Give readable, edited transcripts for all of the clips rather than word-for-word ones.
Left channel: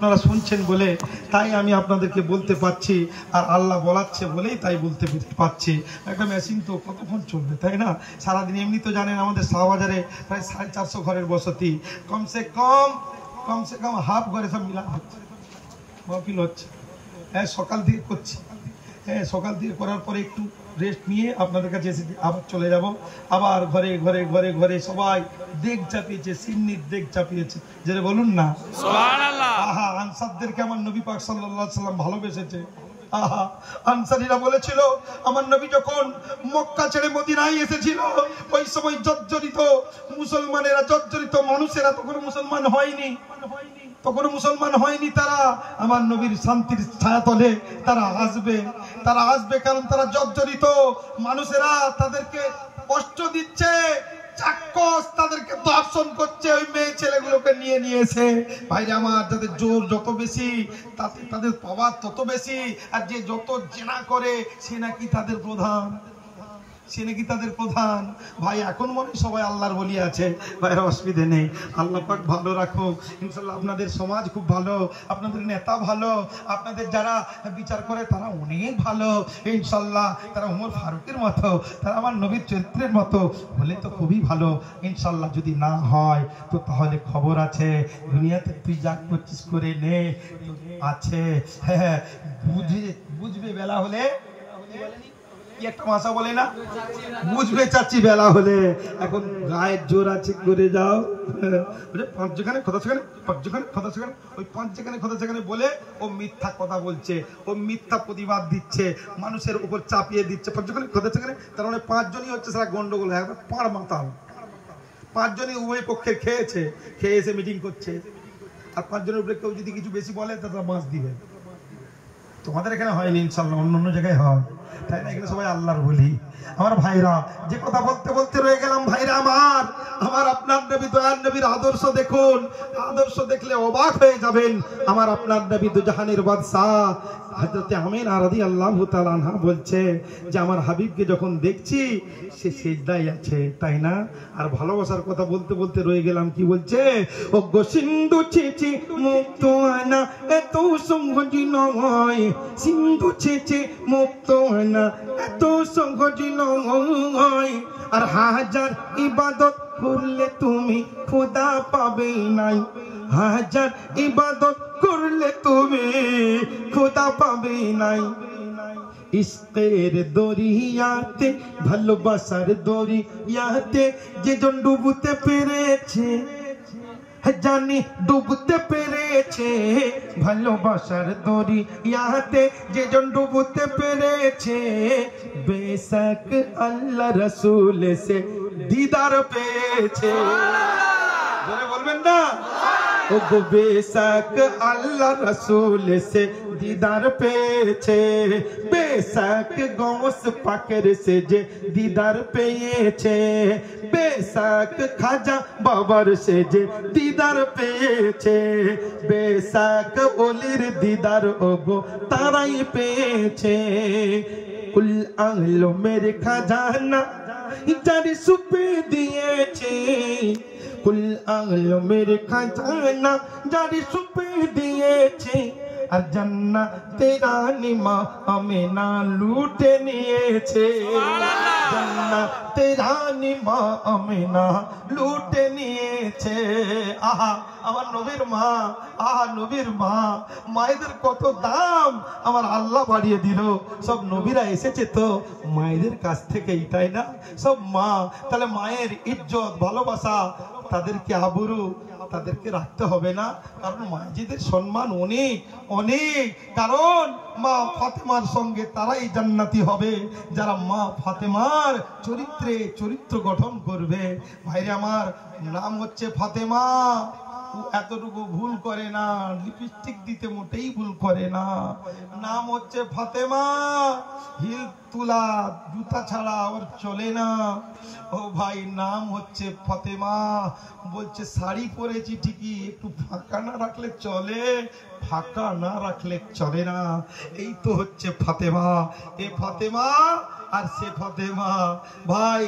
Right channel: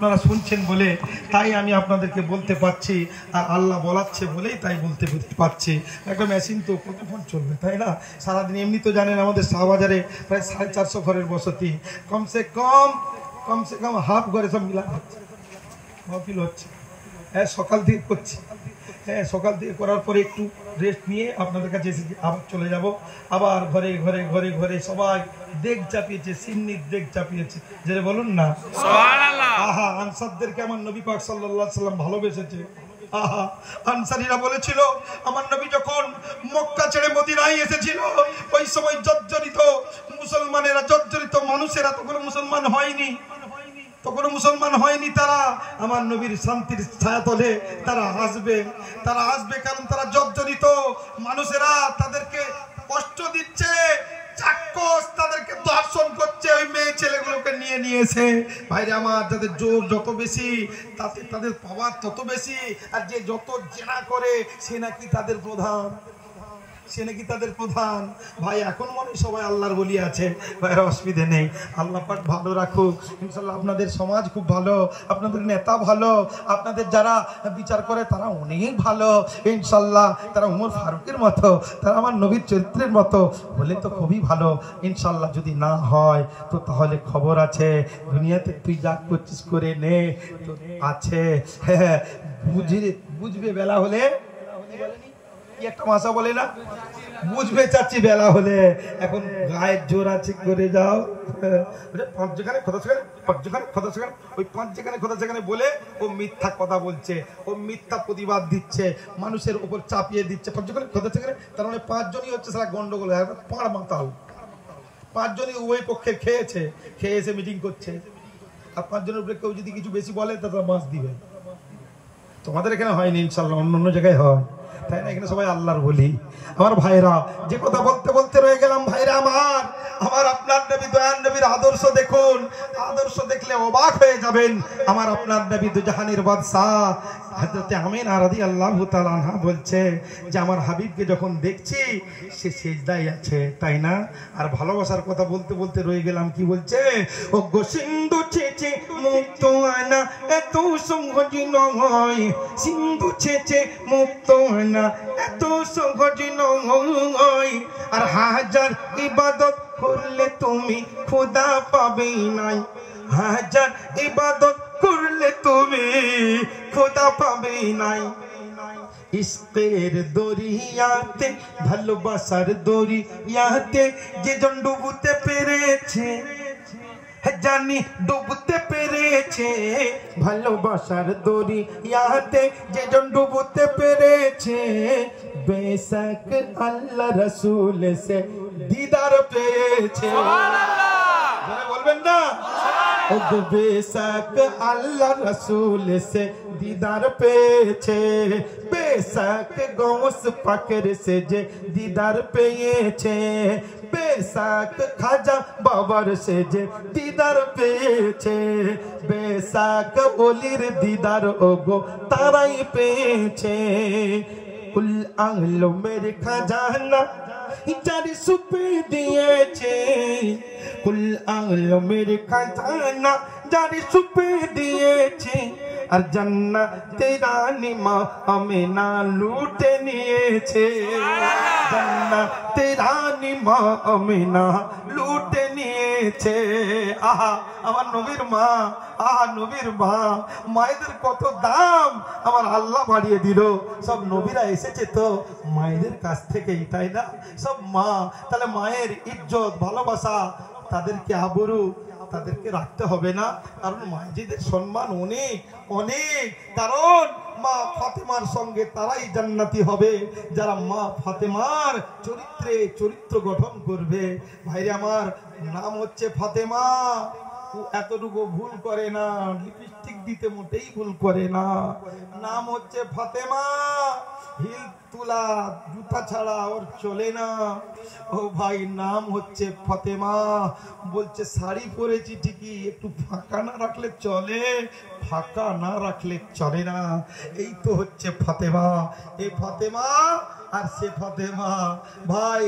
আপনারা শুনছেন বলে তাই আমি আপনাদেরকে বলতে পারছি, আর আল্লাহ বলাচ্ছে বলেই তাই বলতে পারছি। একটা মেশিন তো কতক্ষণ চলবে, তাই না? সারাদিন এমনি তো জানেন আমাদের শাহবাজারে প্রায় 450 ঘরের বসতি, কমসে কম হাফ ঘরে সব মিলান হচ্ছে, মাহফিল হচ্ছে। হ্যাঁ, সকাল থেকে করছি। হ্যাঁ, সকাল থেকে করার পরে একটু রেস্ট নিয়ে আপনাদের কাছে এসে আবার চলে যাব। আবার ঘরে ঘরে ঘরে ঘরে সবাই দেগ চাপিয়েছে, সিন্নির দেগ চাপিয়েছে, যেটা বলুন না সুবহানাল্লাহ। আহা, আনসারদেরকে আমার নবী পাক সাল্লাল্লাহু আলাইহি সাল্লাম ভালোবেসেছে। আহা, আনসারীরা বলেছিল আমার নবী যখন মক্কা ছেড়ে মদিনায় এসেছিল ওই সময় জর্জরিত মুসলমানেরা, জর্জরিত মানুষেরা তখন মুসলমান হয়নি, তারা আমার নবীর শান্তির ছায়াতলে তারা আসবে, কারণ তারা জর্জরিত মানুষেরা, তাদেরকে কষ্ট দিচ্ছে, চাক্ষুষ তাদেরকে দর্শন করছে, ওই মেয়ে ছেলেগুলোকে নিয়েছে। ভাইরা আমার, তাদের জোর যত বেশি তাতে তাদের পাওয়ার তত বেশি, আর যে যত জেনা করে সে নাকি তাদের প্রধান। ভাই এখন মনে সবাই আল্লাহর বলি আছে, ভাইরা অসুবিধে নেই। আল্লাহ পাক ভালো রাখুক ইনশাআল্লাহ। আপনাদের সমাজ খুব ভালো, আপনাদের নেতা ভালো, আপনাদের যারা বিচার করে তারা অনেক ভালো ইনশাআল্লাহ। তারা উমর ফারুকের মতো, তারা আমার নবীর চরিত্রের মতো হলে তো খুবই ভালো ইনশাআল্লাহ। যদি না হয় তো তাহলে খবর আছে, দুনিয়াতে তুই যা করছিস করে নে, তো আছে। হ্যাঁ, বুঝবে বেলা হলে, একটা ভাষা বলে না, বুঝবে চাচ্ছি বেলা হলে। এখন গায়ের জোর আছে করে যাও, পাঁচ যেখানে খোদা সেখানে, পাঁচ যেখানে খোদা সেখানে, ওই পাঁচ যেখানে খোদা সেখানে বলে ও মিথ্যা কথা বলছে, ও মিথ্যা প্রতিবাদ দিচ্ছে, মানুষের উপর চাপিয়ে দিচ্ছে। পাঁচ যেখানে খোদা সেখানে, তার মানে পাঁচজনই হচ্ছে সেটা গন্ডগোল, পাড় মাতাল। পাঁচজনই উভয় পক্ষে খেয়ে এসে মিটিং করছে, আর পাঁচজনের উপরে কেউ যদি কিছু বেশি বলে তারা মাছ দিবে। তোমাদের এখানে হয়নি ইনশাআল্লাহ, অন্য জায়গায় হয়, তাই না? এখানে সবাই আল্লাহর বলি। আমার ভাইরা, যে কথা বলতে বলতে রয়ে গেলাম, ভাইরা আমার আপনার নবী, দয়ার নবীর আদর্শ দেখুন। আদর্শ দেখলে অবাক হয়ে যাবেন। আমার আপনার নবী দুজাহানের বাদশাহ হযরত আমিনা রাদিয়াল্লাহু তাআলা আনহা বলছে যে আমার হাবিবকে যখন দেখছি সে সিজদায় আছে, তাই না? আর ভালোবাসার কথা বলতে বলতে রয়ে গেলাম, কি বলছে? ও গো সিন্ধু ছেচে মুক্ত হয় না, এত সহজ নয়। সিন্ধু ছেচে মুক্ত হয় না, এত সহজ নয়। আর হাজার ইবাদত করলে তুমি খোদা পাবে নাই, হাজার ইবাদত করলে তুমি খোদা পাবে নাই। ইশকের দরিয়াতে, ভালোবাসার দরিয়াতে যেজন ডুবতে পেরেছে, জানি ডুবতে পেরেছে, ভালোবাসার দরিয়াতে যেজন ডুবতে পেরেছে, বেশক আল্লাহ রসুল সে দিদার পেয়েছে। বলবেন না? ও গো বেশক আল্লাহ রসুল সে দিদার পেয়েছে, বেশক গৌস পাকের সে যে দিদার পেয়েছে, বেশক খাজা বাবার সে যে দিদার পেয়েছে, বেশক ওলির দিদার ও গো তারাই পেয়েছে। কুল আহলো মেরে খাজানা যারি সুপে দিয়েছে, কুল আহলো মেরে খাজানা যারি সুপে দিয়েছে, আর জান্নাতে রানী মা আমিনা লুটে নিয়েছে, জান্নাতে রানী মা আমিনা লুটে নিয়েছে। আহা, আমার নবীর মা, আহা নবীর মা, মায়েদের কত দাম আমার আল্লাহ বাড়িয়ে দিল। সব নবীরা এসেছে তো মায়েদের কাছ থেকেই, তাই না? সব মা, তাহলে মায়ের ইজ্জত ভালোবাসা, তাদেরকে আবরু তাদেরকে রাখতে হবে না? কারণ মায়েদের সম্মান অনেক অনেক, কারণ মা ফাতেমার সঙ্গে তারাই জান্নাতি হবে যারা মা ফাতেমার চরিত্র গঠন করবে। ভাইরে আমার, নাম হচ্ছে ফাতেমা, এতটুকু ভুল করে না, লিপস্টিক দিতে মোটেই ভুল করে না। নাম হচ্ছে ফাতেমা, হিল তুলা জুতা ছাড়া ওর চলে না। ও ভাই, নাম হচ্ছে ফাতেমা। বলছে শাড়ি পরেছি ঠিকই, একটু ফাঁকা না রাখলে চলে, ফাঁকা না রাখলে চলে না। এই তো হচ্ছে ফাতেমা। এই ফাতেমা আর সে ফাতেমা। ভাই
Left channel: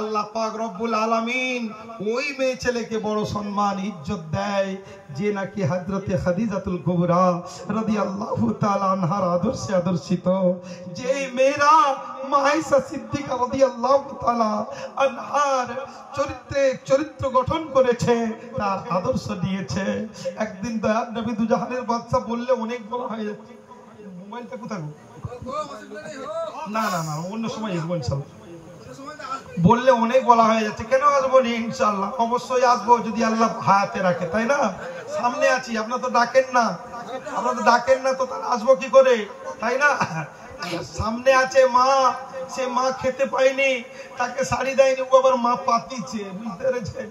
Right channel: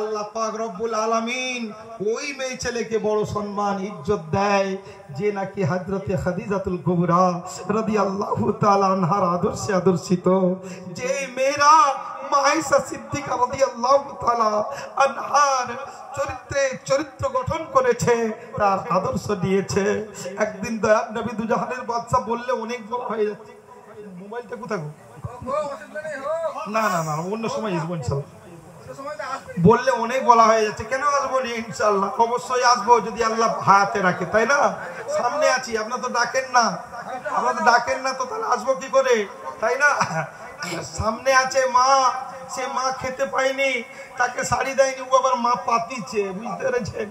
আল্লাহ পাক রব্বুল আলামিন ওই মেয়ে ছেলেকে বড় সম্মান ইজ্জত দেয় যে নাকি হযরতে খাদিজাতুল কুবরা রাদিয়াল্লাহু তাআলা আনহার আদর্শে আদর্শিত। যে মেয়েরা আয়েশা সিদ্দিকা রাদিয়াল্লাহু তাআলা আনহার চরিত্র গঠন করেছে, তার আদর্শ দিয়েছে। একদিন দয়ার নবী দুজাহানের বাদশা বললে অনেক বলা হয়ে যাচ্ছে। মোবাইলটা কোথায় না না না অন্য সময় আসবো ইনশাআল্লাহ। বললে অনেক বলা হয়ে যাচ্ছে, কেন আসবো না? ইনশাআল্লাহ অবশ্যই আসবো যদি আল্লাহ হায়াতে রাখে, তাই না? সামনে আছি, আপনারা তো ডাকেন না, আপনারা তো ডাকেন না, তো তাহলে আসবো কি করে, তাই না? সামনে আছে মা, সে মা খেতে পায়নি, তাকে শাড়ি দেয়নি, ও আবার মা পাতিছে, বুঝতে পেরেছেন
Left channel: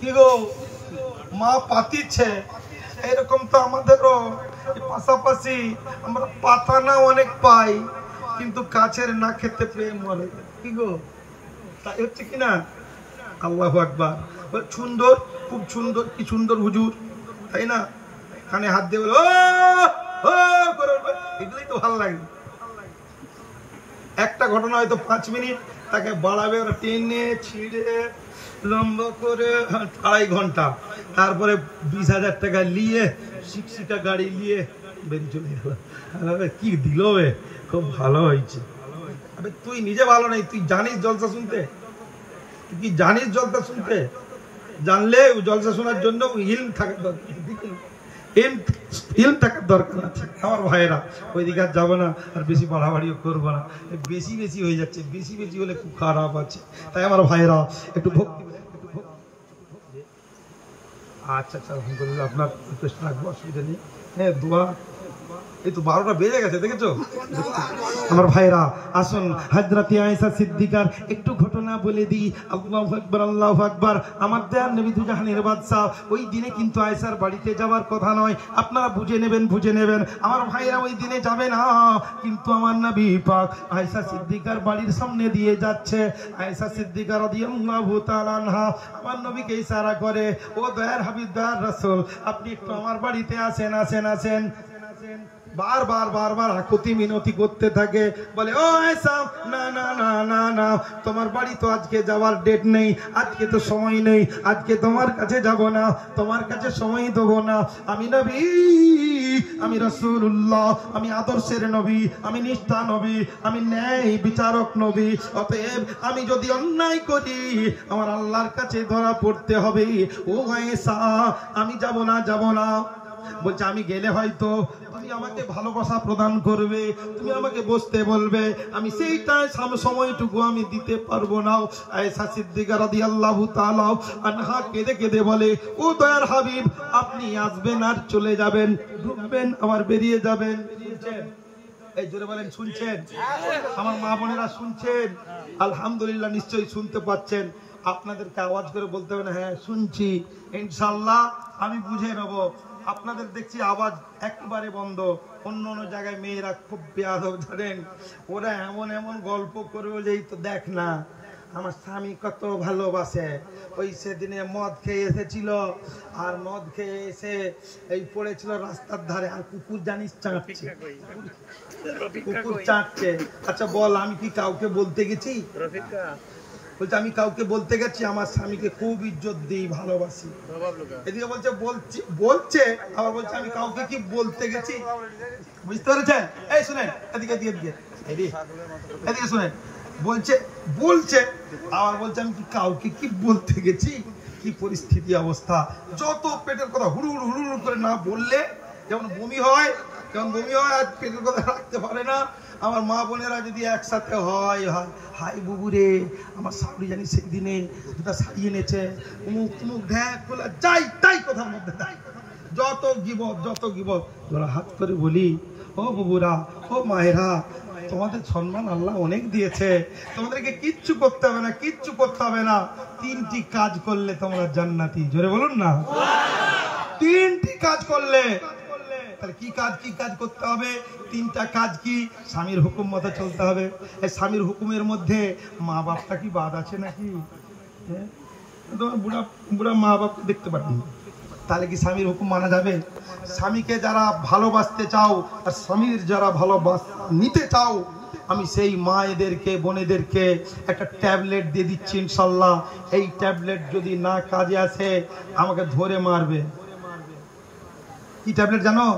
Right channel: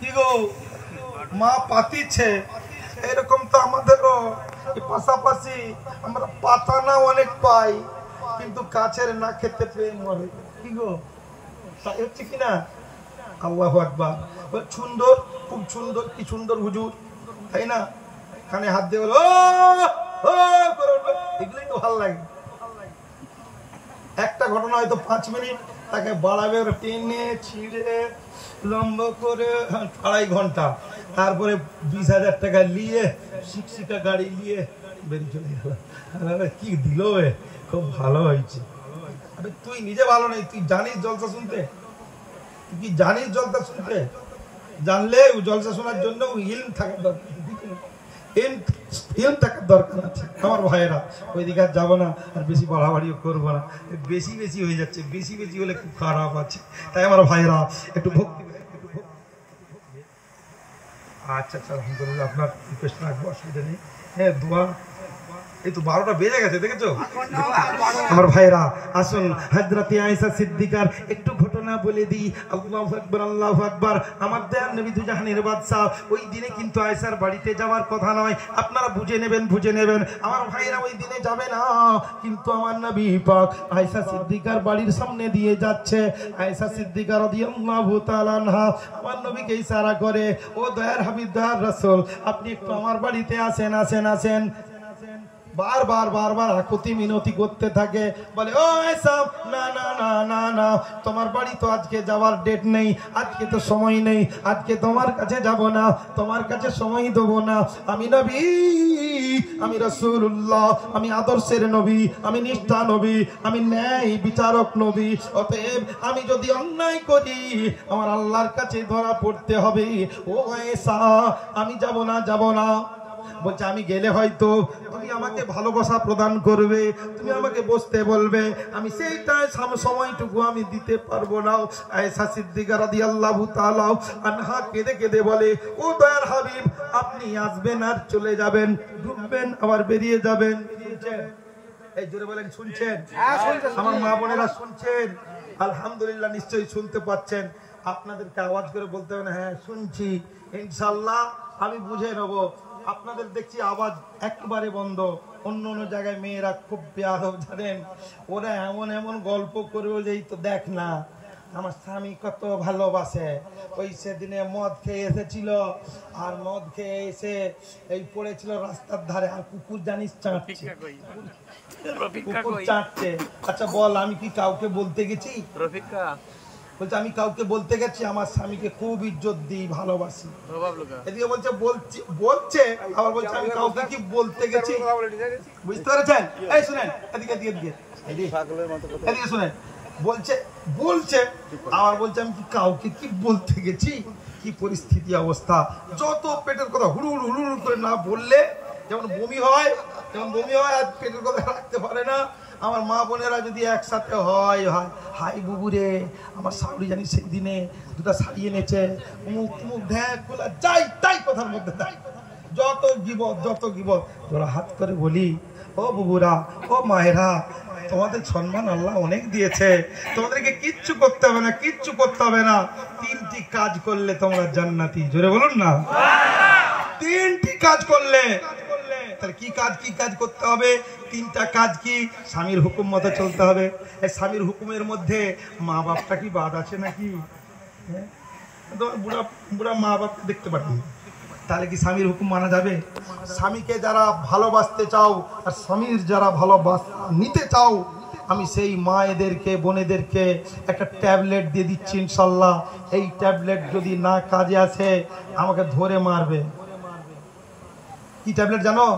কি গো? মা পাতিছে। এরকম তো আমাদেরও পাশাপাশি আমরা পাতা না অনেক পাই, কিন্তু কাছের না খেতে পেয়ে মরে, কি গো? তাই হচ্ছে কিনা? আল্লাহু আকবার। সুন্দর, খুব সুন্দর, কি সুন্দর হুজুর, তাই না? কানে হাত দিয়ে বলো এগুলোই তো ভালো লাগে। একটা ঘটনা হয়তো 5 মিনিট, তাকে বাড়াবে টেনে ছিঁড়ে লম্বা করে 2.5 ঘন্টা, তারপরে 20,000 টাকা নিয়ে শিক্ষিকা গাড়ি নিয়ে বেরিয়ে চলে গেল। কি দিল, খুব ভালো হয়েছে। তুই নিজে ভালো নেই, তুই জানিস জলসা শুনতে? তুই কি জানিস জলসা শুনতে? জানলে জলসা শোনার জন্য ইলম থাকার দরকার, ইলম থাকার দরকার আছে। আমার ভাইয়েরা ওইদিকে আর যাবো না, আর বেশি বাড়াবাড়িও করবো না, বেশি বেশি হয়ে যাচ্ছে, বেশি বেশি হলে খুব খারাপ আছে। তাই আমার ভাইয়েরা একটু ভক্তি। আচ্ছা আচ্ছা, আলহামদুলিল্লাহ, আপনার রিকোয়েস্ট রাখবো, অসুবিধা নেই। দোয়া এই তো 12টা বেজে গেছে, দেখেছো? আমার ভাইরা আসুন, হযরতে আয়েশা সিদ্দিকার একটু ঘটনা বলে দিই। আল্লাহু আকবার, আল্লাহু আকবার। আমার দয়ার নবী দুজাহানের বাদশা ওই দিনে কিন্তু আয়েশার বাড়িতে যাওয়ার কথা নয়, আপনারা বুঝে নেবেন, বুঝে নেবেন। আমার ভাইরা ওই দিনে যাবে না, কিন্তু আমার নবী পাক আয়েশা সিদ্দিকার বাড়ির সামনে দিয়ে যাচ্ছে। আয়েশা সিদ্দিকা রাদিয়াল্লাহু তাআলা আনহা আমার নবীকে ইশারা করে, ও দয়ার হাবিব, দয়ার রাসূল, আপনি একটু আমার বাড়িতে আসেন, আসেন, আসেন। বারবার বারবার আকুতি মিনতি করতে থাকে, বলে ও আয়েশা, না না না না না, তোমার বাড়ি তো আজকে যাওয়ার ডেট নেই, আজকে তো সময় নেই, আজকে তোমার কাছে যাব না, তোমার কাছে সময় দেব না। আমি নবী, আমি রাসূলুল্লাহ, আমি আদর্শের নবী, আমি নিষ্ঠা নবী, আমি ন্যায় বিচারক নবী। অতএব আমি যদি অন্যায় করি আমার আল্লাহর কাছে ধরা পড়তে হবে। ও আয়েশা, আমি যাব না, যাব না। বলছে আমি গেলে হয়তো তুমি আমাকে ভালোবাসা প্রদান করবে, তুমি আমাকে বসতে বলবে, আমি সেইটাই সময়টুকু আমি দিতে পারবো না। আয়েশা সিদ্দিকা রাদিয়াল্লাহু তাআলা আনহা কেঁদে কেঁদে বলে, ও দয়ার হাবিব, আপনি আসবেন আর চলে যাবেন, ঢুকবেন আবার বেরিয়ে যাবেন। শুনছেন? এই জোরে বলেন, শুনছেন? আমার মা বোনেরা শুনছেন? আলহামদুলিল্লাহ, নিশ্চয়ই শুনতে পাচ্ছেন। আপনাদেরকে আওয়াজ করে বলতে হবে না, হ্যাঁ শুনছি, ইনশাআল্লাহ আমি বুঝে নেব। আপনাদের দেখছি আওয়াজ একেবারে বন্ধ। অন্য অন্য জায়গায় মেয়েরা খুব বেয়াদব, জানেন, ওরা এমন এমন গল্প করবে যে তো দেখ না আমার স্বামী কত ভালোবাসে। ওই সেদিনে মদ খেয়ে এসেছিল, আর মদ খেয়ে এসে এই পড়েছিল রাস্তার ধারে, আর কুকুর জানিস চাটছে, কুকুর চাটছে। আচ্ছা বল, আমি কি কাউকে বলতে গেছি? বলছে আমি কাউকে বলতে গেছি আমার স্বামীকে খুব ইজ্জত দিই, ভালোবাসি। এদিকে বলছে বলছে, আবার বলছে আমি কাউকে কি বলতে গেছি। বুঝতে পেরেছেন? এই শুনেন, এদিকে এদিকে এদিকে এদিকে শুনেন, বলছে আবার বলছে আমি কি কাউকে কি বলতে গেছি। কি পরিস্থিতি, অবস্থা! যত পেটের কথা হুড়ু হুড়ু হুড়ু করে না বললে যেমন বমি হয়, আজ পেটের কথা রাখতে পারে না। আমার মা বোনেরা যদি একসাথে হয়, হাই বুবু রে, আমার শাশুড়ি জানি সেই দিনে 2টা শাড়ি এনেছে, মুখ ঢ্যাক খোলা, যাই তাই কথার মধ্যে তাই, যত গিবত। তোরা হাত করে বলি, ও বুবুরা, ও মায়েরা, তোমাদের সম্মান আল্লাহ অনেক দিয়েছে, তোমাদেরকে কিচ্ছু করতে হবে না, কিচ্ছু করতে হবে না। 3টি কাজ করলে তোমরা জান্নাতি। জোরে বলুন না, 3টি কাজ করলে। কি কাজ করতে হবে? 3টা কাজ কি? স্বামীর হুকুম মতো চলতে হবে। এই স্বামীর হুকুমের মধ্যে মা বাপটা কি বাদ আছে নাকি? বুড়া মা বাপ দেখতে পারেন, তাহলে কি স্বামীর হুকুম মানা যাবে? স্বামীকে যারা ভালোবাসতে চাও আর স্বামীর যারা ভালোবাসা নিতে চাও, আমি সেই মায়েদেরকে বোনেদেরকে একটা ট্যাবলেট দিয়ে দিচ্ছি ইনশাল্লাহ। এই ট্যাবলেট যদি না কাজে আসে আমাকে ধরে মারবে। কি ট্যাবলেট জানো?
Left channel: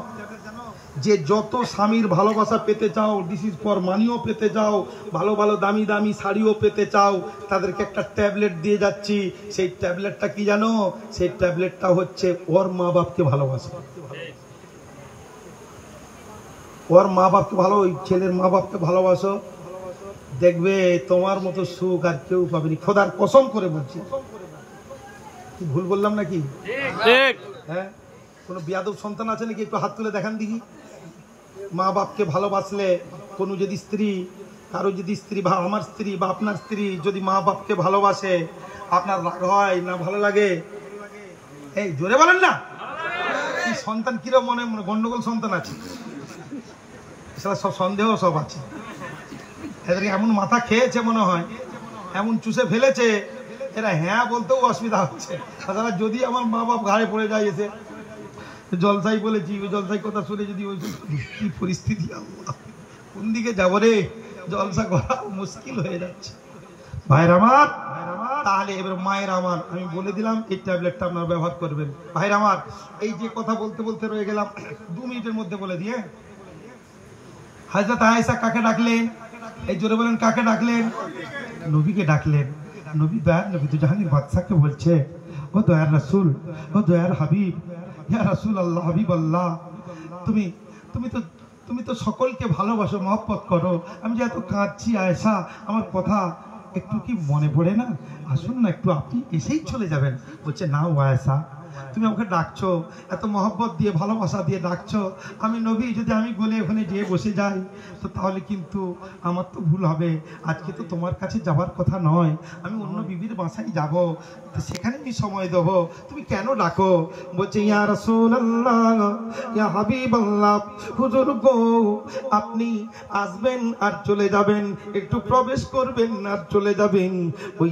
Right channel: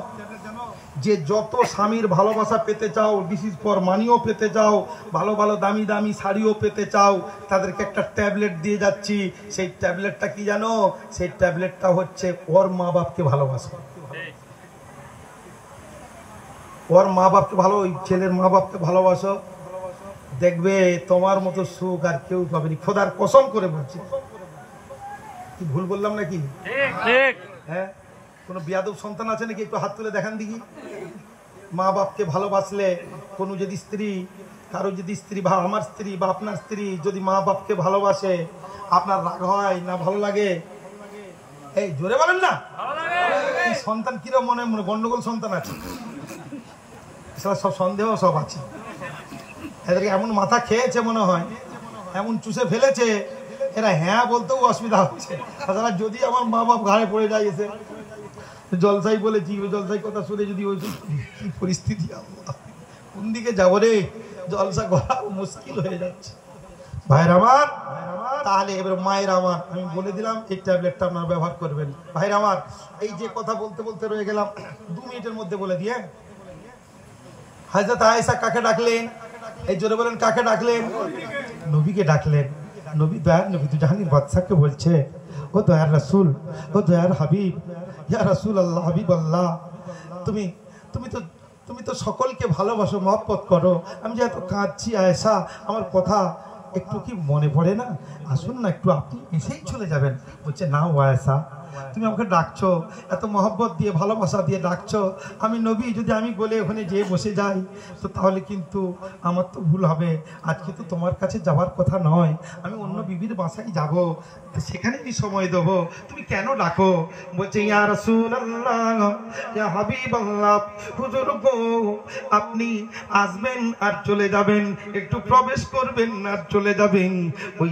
যে যত স্বামীর ভালোবাসা পেতে চাও, ডিসিজ ফর মানিও পেতে চাও, ভালো ভালো দামি দামি শাড়িও পেতে চাও, তাদেরকে একটা ট্যাবলেট দিয়ে যাচ্ছি। সেই ট্যাবলেটটা কি জানো? সেই ট্যাবলেটটা হচ্ছে ওর মা বাপকে ভালোবাসা। ওর মা বাপকে ভালো, ওই ছেলের মা বাপকে ভালোবাসো, দেখবে তোমার মতো সুখ আর কেউ পাবেনি। খোদার কসম করে বলছি। কি ভুল বললাম নাকি? হ্যাঁ, কোনো বিয়াদব সন্তান আছে নাকি? একটু হাত তুলে দেখান দেখি। মা বাপকে ভালোবাসলে, কোনো যদি স্ত্রী, কারো যদি স্ত্রী বা আমার স্ত্রী বা আপনার স্ত্রী যদি মা বাপকে ভালোবাসে, আপনার রাগ হয় না ভালো লাগে? এই জোরে বলেন না। এই সন্তান কিরকম মনে গন্ডগোল সন্তান আছে, সব সন্দেহ সব আছে। এদেরকে এমন মাথা খেয়েছে মনে হয়, এমন চুষে ফেলেছে, এরা হ্যাঁ বলতেও অসুবিধা হচ্ছে। তাছাড়া যদি আমার মা বাপ ঘাড়ে পড়ে যায় এসে জলসাই বলেছি, ওই জলসাই কথা শুনে যদি ওই কি পরিস্থিতি, কোন দিকে যাবো রে, জলসা করা মুশকিল হয়ে যাচ্ছে। ভাইরা আমার, তাহলে এবার মায়ের আমার আমি বলে দিলাম এই ট্যাবলেটটা আপনারা ব্যবহার করবেন। ভাইরা আমার, এই যে কথা বলতে বলতে রয়ে গেলাম, 2 মিনিটের মধ্যে বলে দিয়ে। হযরত আয়েশা কাকে ডাকলেন? এই জোরে বলেন, কাকে ডাকলেন? নবীকে ডাকলেন। নবী দয়ার নবী তো জাহানের বাদশাকে বলছে, ও দয়ার রাসূল, ও দয়ার হাবিব, ইয়া রাসূলুল্লাহ, হাবিবাল্লাহ, তুমি তো সকলকে ভালোবাসো, মহব্বত করো। আমি যে এত কাঁদছি আয়েশা, আমার কথা একটু কি মনে পড়ে না? আসুন না একটু, আপনি এসেই চলে যাবেন। বলছে, না ও আয়েশা, তুমি আমাকে ডাকছো, এত মহব্বত দিয়ে ভালোবাসা দিয়ে ডাকছো, আমি নবী যদি আমি বলে ওখানে যেয়ে বসে যাই তো তাহলে কিন্তু আমার তো ভুল হবে। আজকে তো তোমার কাছে যাওয়ার কথা নয়, আমি অন্য বিবির বাসায় যাব, তো সেখানে আমি সময় দেবো, তুমি কেন ডাকো? বলছে, ইয়া রাসূলুল্লাহ, ইয়া হাবিবাল্লাহ, হুজুর গো, আপনি আসবেন আর চলে যাবেন, একটু প্রবেশ করবেন আর চলে যাবেন। ওই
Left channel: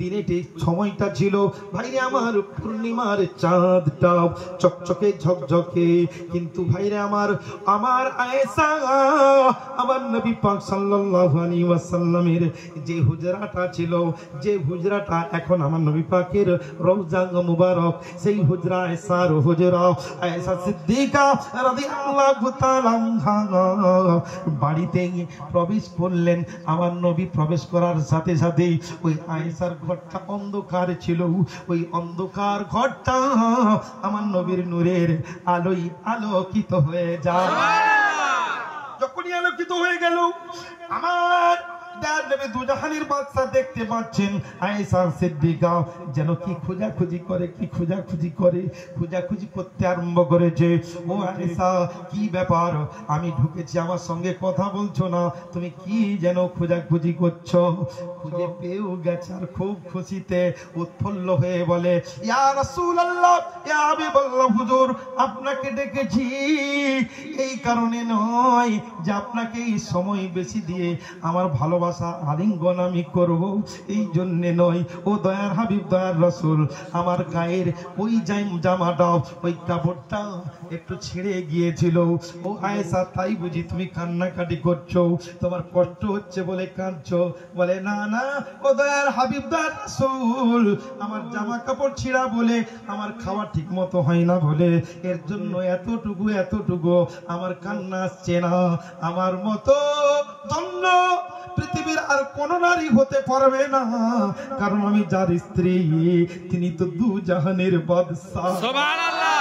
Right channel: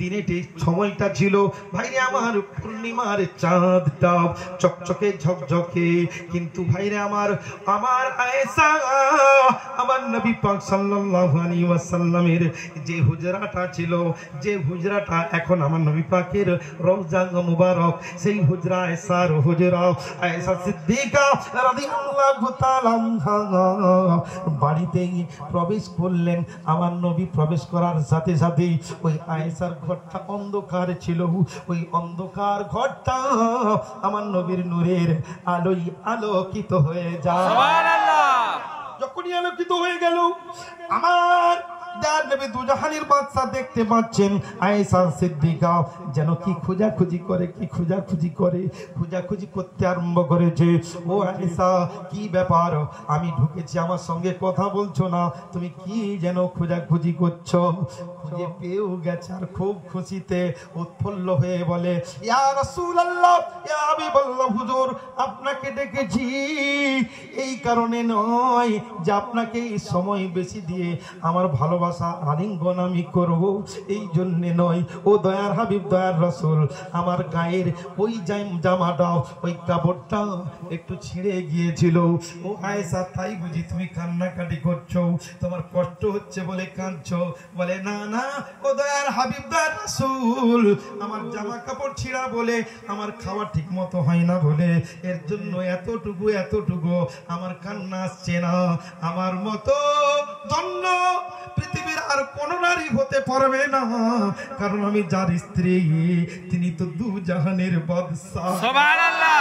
দিনেতে সময়টা ছিল ভাইরে আমার পূর্ণিমার চাঁদটা চকচকে ঝকঝকে, কিন্তু ভাইরে আমার আয়েশা, আমার নবী পাক সাল্লাল্লাহু আলাইহি ওয়াসাল্লামের যে হুজরাটা ছিল, যে হুজরাটা এখন আমার নবী পাকের রওজা মুবারক, সেই হুজরা আয়েশার হুজরা, আয়েশা সিদ্দিকা রাদিয়াল্লাহু তাআলা বাড়িতে প্রবেশ করলেন। আমার নবী প্রবেশ করার সাথে সাথে ওই আয়েশার ঘরটা অন্ধকার ছিল, ওই অন্ধকার ঘরটা আমার নবীর নূরের আলোয় আলোকিত হয়ে যায়। সুবহানাল্লাহ। যখনই আলোকিত হয়ে গেল, আমার নবী দুজাহানের বাদশা দেখতে পাচ্ছেন আয়েশা সিদ্দিকা যেন কি খোঁজাখুঁজি করতে আরম্ভ করেছে। ও আয়েশা, কি ব্যাপার? আমি ঢুকেছি, আমার সঙ্গে কথা বলছো না, তুমি কি যেন খোঁজাখুঁজি করছো? খুঁজে পেয়েও গেছে আর খুব খুশিতে উৎফুল্ল হয়ে বলে, ইয়া রাসূলুল্লাহ, ইয়া হাবিবাল্লাহ, হুজুর আপনাকে ডেকেছি এই কারণে নয় যে আপনাকে এই সময় বেশি দিয়ে আমার ভালোবাসা আলিঙ্গন আমি করব, এই জন্যে নয়। ও দয়ার হাবিব, দয়ার রাসূল, আমার গায়ের ওই জামাটা, ওই কাপড়টা একটু ছিঁড়ে গিয়েছিল। ও আয়েশা, তাই বুঝি তুমি কান্নাকাটি করছো, তোমার কষ্ট হচ্ছে বলে কাঁদছো? বলে, না না, ও দয়ার হাবিব, দয়ার রাসূল, আমার জামা কাপড় ছিঁড়া বলে, আমার খাওয়া ঠিক মতো হয় না বলে, এর জন্য এতটুকু আমার কান্না আসছে না। আমার মতো জন্য পৃথিবীর আর কোন নারী হতে পারবে না, কারণ আমি যার স্ত্রী তিনি তো দু জাহানের বাদশা। সুবহানাল্লাহ।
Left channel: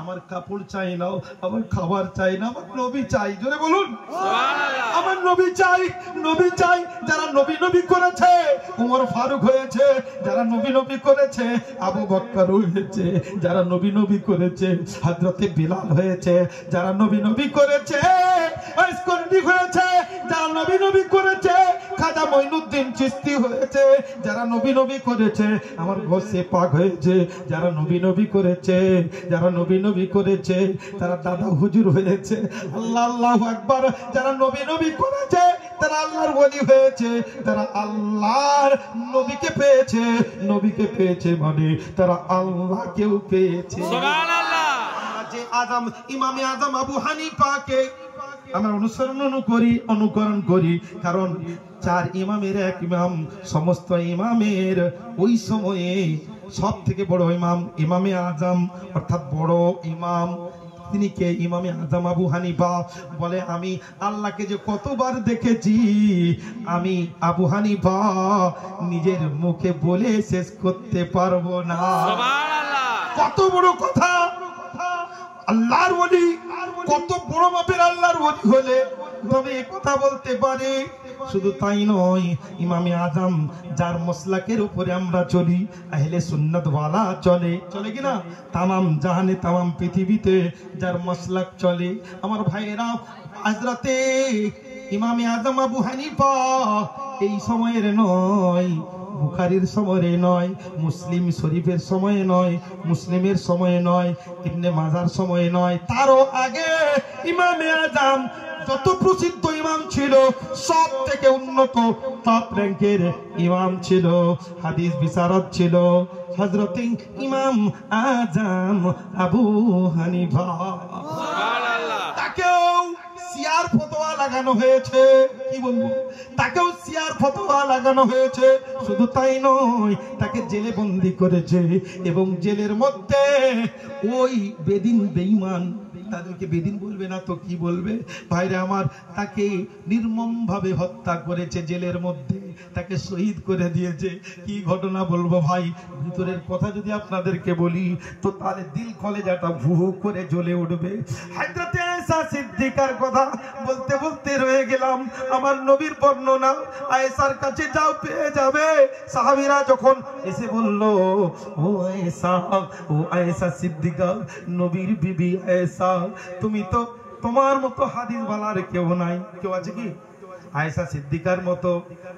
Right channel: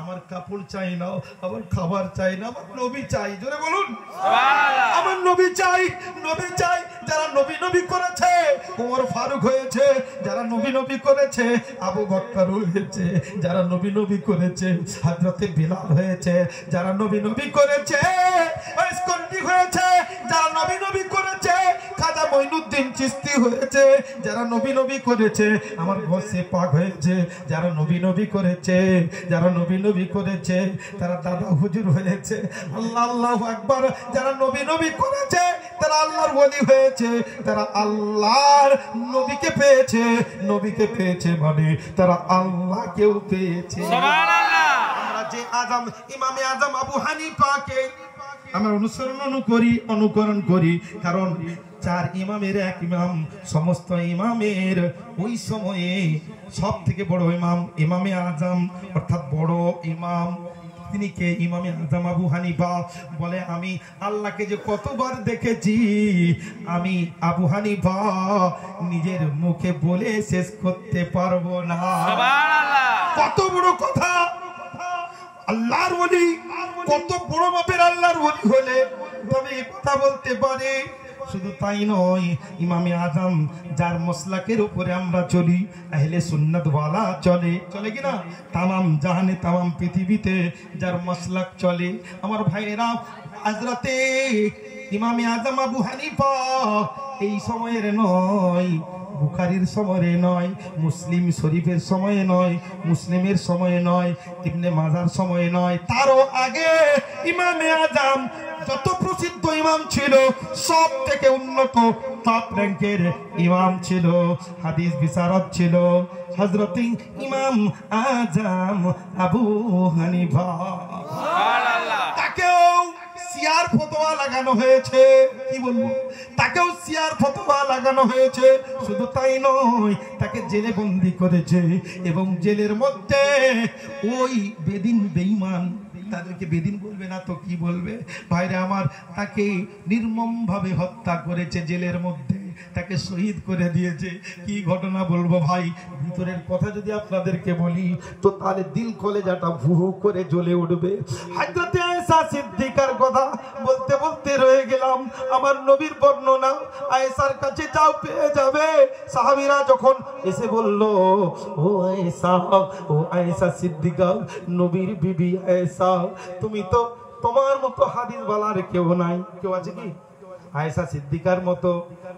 আমার কাপড় চাই না, আমার খাবার চাই না, আমার নবী চাই। জোরে বলুন সুবহানাল্লাহ। আমার নবী চাই, যারা নবী করেছে, ওমর ফারুক হয়েছে, যারা নবী করেছে, আবু বকর হয়েছে, যারা নবী করেছে, হযরতে বিলাল হয়েছে, যারা নবী করেছে, ইস্কন্দি হয়েছে, যারা নবী করেছে, খাজা মঈনুদ্দিন চিশতি হয়েছে, যারা নবী করেছে, আমার গৌসে পাক হয়েছে, যারা নবী করেছে, যারা নবী করেছে, তারা দাদা হুজুর হয়েছে। আল্লাহু আকবার। যারা নবী করেছে তারা আল্লাহর ওলি হয়েছে, তারা আল্লাহর নবীকে পেয়েছে মানে তারা আল্লাহকেও পেয়েছে। সুবহানাল্লাহ। যে ইমামে আজম আবু হানিফাকে আমরা অনুকরণ করি, কারণ 4 ইমামের এক ইমাম, সমস্ত ইমামের ওই সময়ে সব থেকে বড় ইমাম ইমামে আজম, অর্থাৎ বড় ইমাম। তিনি কে? ইমামে আজম আবু হানিফা। বলে আমি আল্লাহকে যে কতবার দেখেছি, আমি আবু হানিফা নিজের মুখে বলে শেষ করতে পারবো না। কত বড় কথা! আল্লাহর ওলি, কত বড় মাপের আল্লাহর ওলি হলে তবে এই কথা বলতে পারে। শুধু তাই নয়, ইমামে আজম যার মাসলাকের উপরে আমরা চলি, আহলে সুন্নাত ওয়ালা চলে কিনা, তামাম জাহানে তামাম পৃথিবীতে যার মাসলাক চলে, আমার ভাইয়েরা, হযরতে ইমামে আজম আবু হানিফা এই সময়ের নয়, বুখারীর সময়ে নয়, মুসলিম শরীফের সময়ে নয়, মুসলিমের সময়ে নয়, ইবনে মাজার সময়ে নয়, তারও আগে ইমামে আজম যত প্রসিদ্ধ ইমাম ছিল, সব থেকে উন্নত টপ র্যাঙ্কের ইমাম ছিল, হাদিস বিশারদ ছিল, হযরত ইমাম আজম আবু হানিফা। সুবহানাল্লাহ। তাকেও সিয়ার ফতোয়া লাগানো হয়েছে, কি বলবো, তাকেও সিয়ার ফতোয়া লাগানো হয়েছে। শুধু তাই নয়, তাকে জেলে বন্দী করেছে, এবং জেলের মধ্যে ওই বেদিন বেঈমান, তাদেরকে বেদিন বলবে না তো কি বলবে ভাইরা আমার, তাকে নির্মম ভাবে হত্যা করেছে, জেলের মধ্যে তাকে শহীদ করে দিয়েছে। কি ঘটনা বলবো ভাই, ভিতরের কথা যদি আপনাদেরকে বলি তো তাহলে দিল কলেজাটা ভু ভু করে জ্বলে উঠবে। হযরতে আয়েশা সিদ্দিকার কথা বলতে বলতে রয়ে গেলাম। আমার নবীর বর্ণনা, আয়েশার কাছে যাও পেয়ে যাবে। সাহাবীরা যখন এসে বলল, ও আয়েশা সিদ্দিকা, নবীর বিবি আয়েশা, তুমি তো, তোমার মতো হাদিস ওয়ালার কেউ নাই। কেউ আছে কি? আয়েশা সিদ্দিকার মতো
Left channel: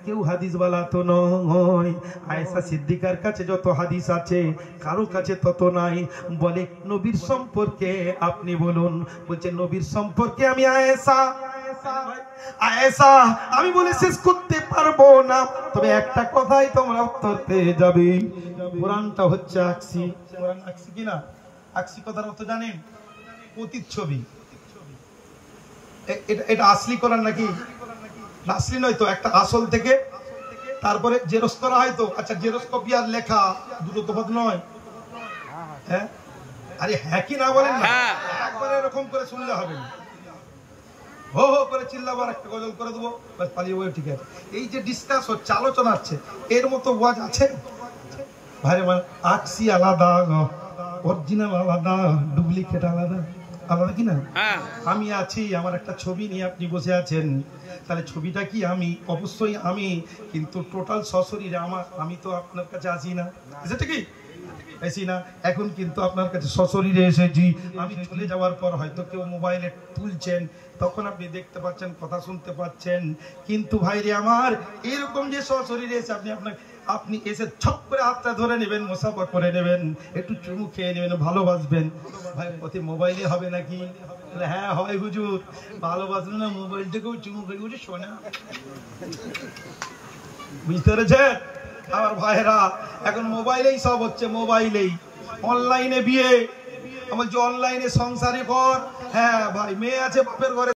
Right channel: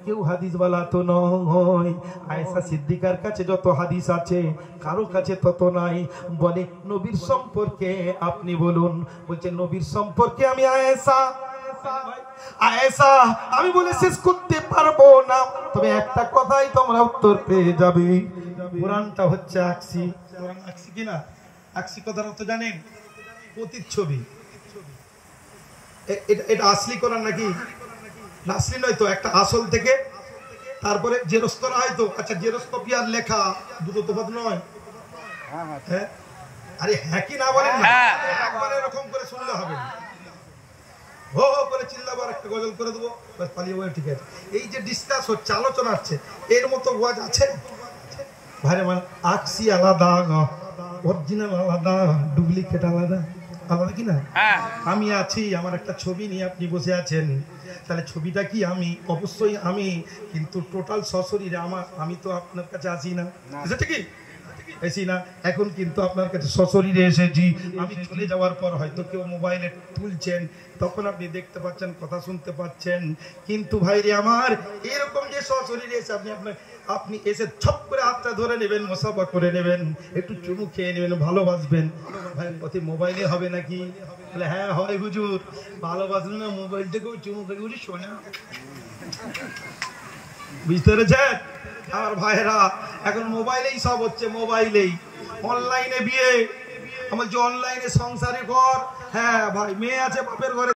কেউ হাদিস ওয়ালা তো নয়। আয়েশা সিদ্দিকার কাছে যত হাদিস আছে, কারো কাছে তত নাই। বলে নবীর সম্পর্কে আপনি বলুন। বলছে নবীর সম্পর্কে আমি আয়েশা আমি বলে শেষ করতে পারবো না, তবে একটা কথাই তোমরা উত্তর পেয়ে যাবে। কোরআনটা হচ্ছে আকসি। কোরআন আকসি কিনা? আকসি কথার অর্থ জানেন? প্রতিচ্ছবি। এটা আসলি কোরআন নাকি? আসলি নয় তো, একটা আসল থেকে তারপরে জেরক্স করা হয় তো। আচ্ছা, জেরক্স কপি আর লেখা দুটো তফাৎ নয়? হ্যাঁ, আরে হ্যাঁ কি না বলেন না? একবার এরকম করে শুনলে হবে, হো হো করে চিল্লাবার, একটা গজল করে দেবো, বাস পালিয়ে বলে ঠিক আছে। এই যে ডিসকাস হচ্ছে, আলোচনা হচ্ছে, এর মতো ওয়াজ আছে ভাইরে? মানে আকসি আলাদা, অরিজিনাল আলাদা, ডুপ্লিকেট আলাদা, আলাদা কি না? আমি আছি, আমার একটা ছবি নিয়ে আপনি বসে আছেন, তাহলে ছবিটা কি আমি? অবশ্যই আমি, কিন্তু টোটাল সশরীরে আমি তো আপনার কাছে আসি না, সেটা কি এসি না? এখন কিন্তু আপনার কাছে সশরীরে এসেছি। আমি চলে যাওয়ার পর হয়তো কেউ মোবাইলে তুলছেন, তখন আপনি দেখতে পাচ্ছেন, কথা শুনতে পাচ্ছেন, কিন্তু ভাইরে আমার, এরকম যে সশরীরে এসে আপনি এসে ছপ করে হাতটা ধরে নেবেন, মুসাফা করে নেবেন, একটু চুমু খেয়ে নেবেন, ভালোবাসবেন, ভাই ওতে মোবাইলে হবে নাকি? হ্যাঁ হয় হুজুর, ভালোবাসবেন না, মোবাইল থেকেও চুমু খেয়ে উঠে শোনা। বুঝতে পেরেছেন আমার ভাইরা? এখন মোবাইলেই সব হচ্ছে, মোবাইলেই অনলাইনে বিয়ে, আমার যে অনলাইনে সংসারে ঘর। হ্যাঁ ভাই, মেয়ে আছে বাপের ঘরে,